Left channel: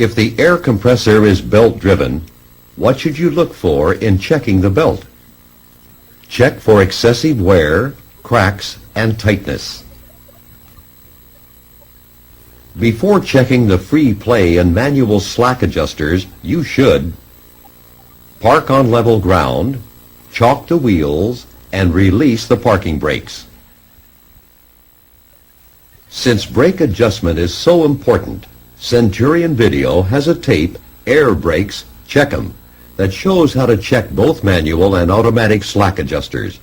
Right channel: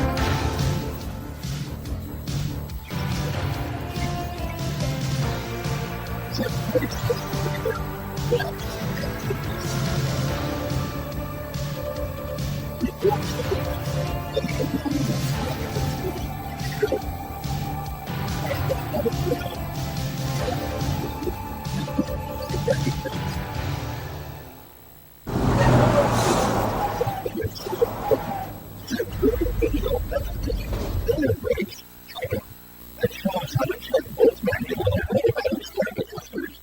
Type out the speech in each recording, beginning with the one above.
If the air compressor is belt-driven, what should you look for in checking the belt? Check for excessive wear, cracks, and tightness. Before checking the free play and manual slack adjusters, you should park on level ground, chalk the wheels, and release the parking brakes. Since brake adjustment is so important, Centurion Video has a tape, Air Brakes, Check 'em, that shows how to check both manual and automatic slack adjusters.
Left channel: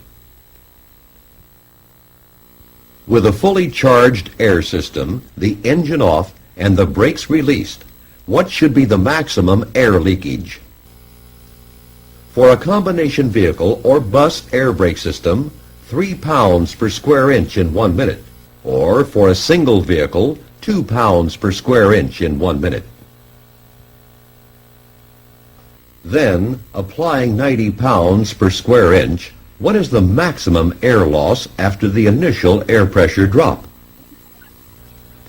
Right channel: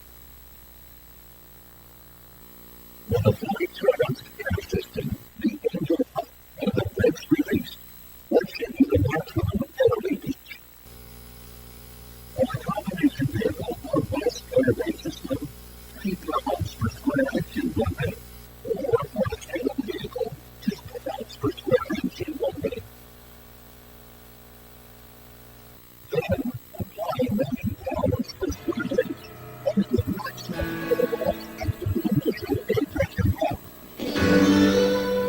With a fully charged air system, the engine off, and the brakes released, what should be the maximum air leakage? For a combination vehicle or bus air brake system, 3 pounds per square inch in 1 minute, or for a single vehicle, 2 pounds per square inch in 1 minute. Then, applying 90 pounds per square inch, what is the maximum air loss after the initial air pressure drop?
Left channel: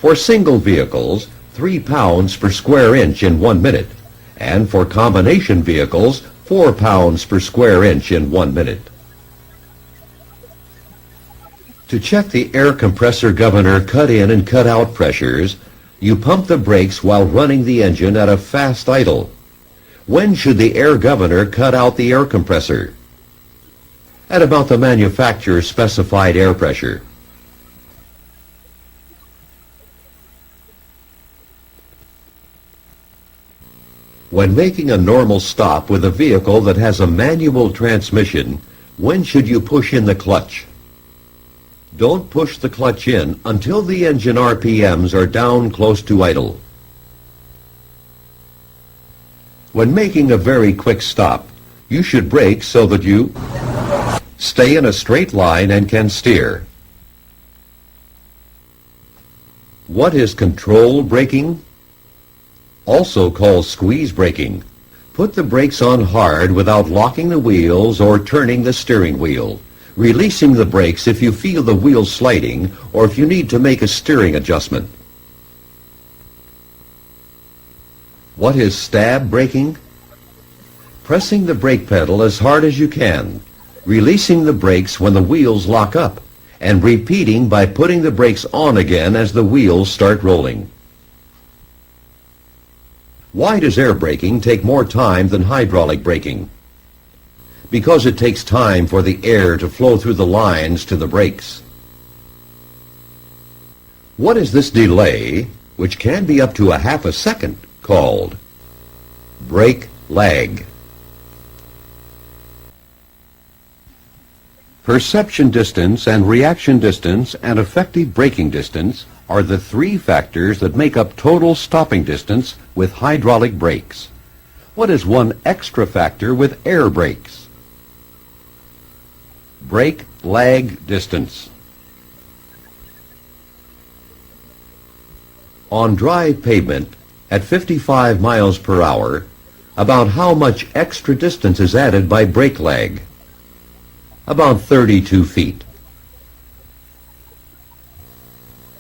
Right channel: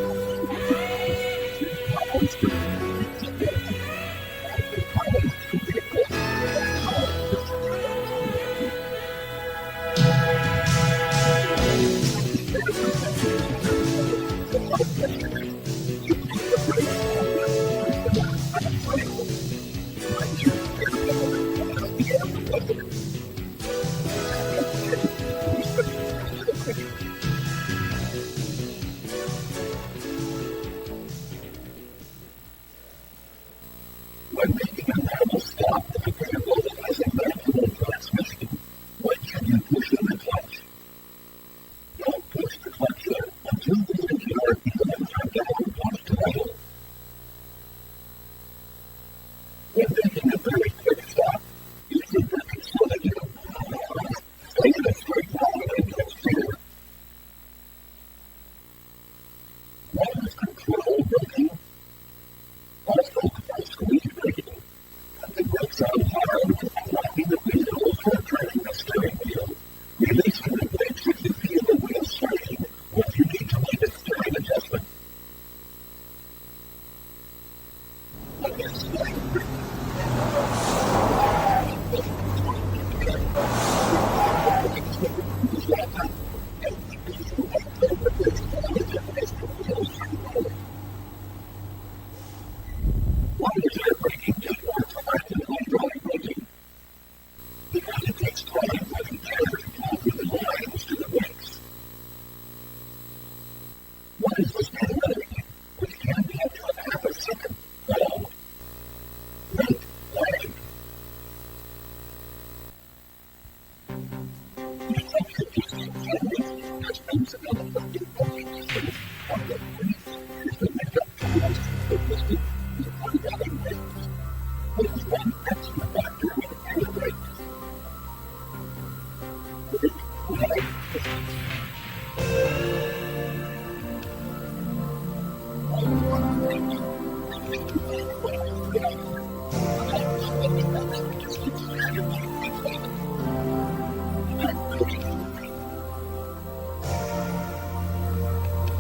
For single vehicles, 3 pounds per square inch in 1 minute, and for combination vehicles, 4 pounds per square inch in 1 minute. To check the air compressor governor cut-in and cut-out pressures, you pump the brakes while running the engine at a fast idle. When should the air governor cut out the air compressor? At about the manufacturer's specified air pressure. When making a normal stop with a vehicle that has a manual transmission, when should you push in the clutch? Don't push the clutch in until the engine RPMs are down close to idle. When making a very quick stop, you should brake so that you stay in a straight line and can steer. What is control braking? Also called squeeze braking. Put the brakes on hard without locking the wheels or turning the steering wheel, releasing the brakes if you feel the wheel sliding or if you need to make a steering adjustment. What is stab braking? Pressing the brake pedal as hard as you can, releasing the brakes when the wheels lock up, and repeating by putting the brakes on again as the wheels start rolling. Why does air braking take more time than hydraulic braking? Because it takes time for the air to flow through the lines to the brakes. What is this delay, which can be up to a half a second, called? Brake lag. Perception distance and reaction distance and effective braking distance are the 3 factors that make up total stopping distance with hydraulic brakes. What is one extra factor with air brakes? Brake lag distance. On dry pavement at 55 miles per hour, about how much extra distance is added by brake lag? About 32 feet.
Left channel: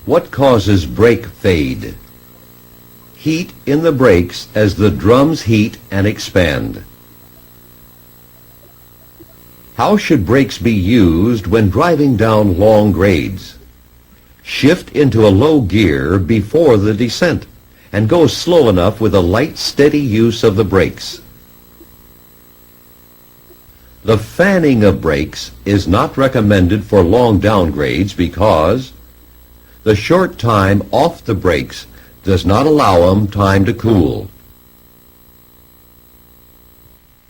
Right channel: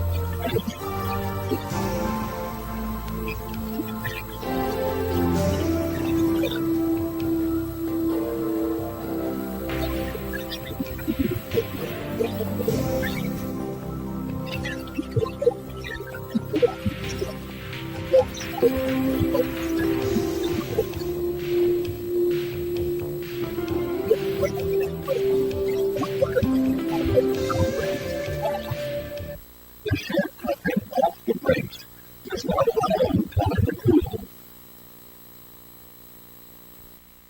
What causes brake fade? Heat in the brakes as the drums heat and expand. How should brakes be used when driving down long grades? Shift into a low gear before the descent and go slow enough with a light, steady use of the brakes. The fanning of brakes is not recommended for long downgrades because the short time off the brakes does not allow them time to cool.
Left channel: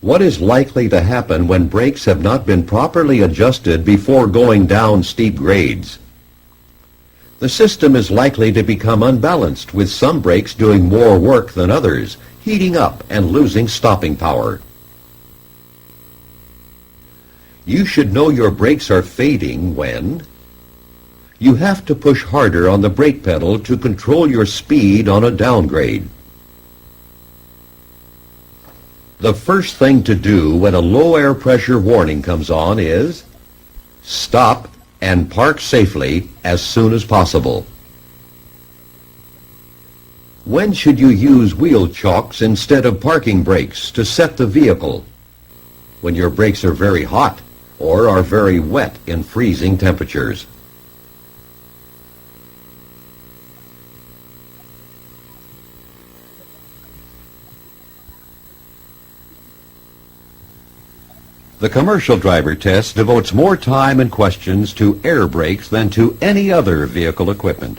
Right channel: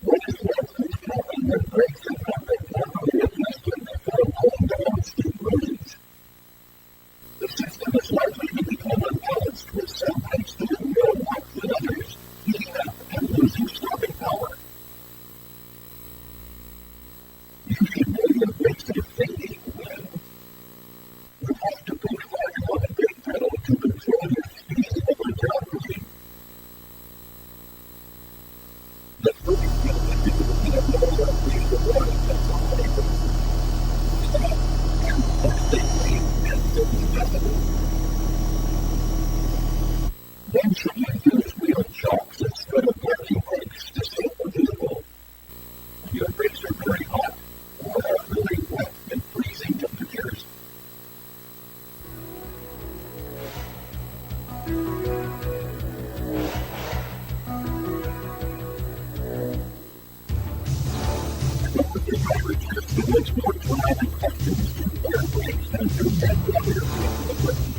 What is likely to happen when brakes have not been properly adjusted before going down steep grades? The system is likely to become unbalanced, with some brakes doing more work than others, heating up and losing stopping power. You should know your brakes are fading when you have to push harder on the brake pedal to control your speed on a downgrade. The first thing to do when a low air pressure warning comes on is stop and park safely as soon as possible. When should you use wheel chocks instead of parking brakes to set the vehicle? When your brakes are very hot or are very wet in freezing temperatures. The commercial driver test devotes more time and questions to air brakes than to any other vehicle equipment.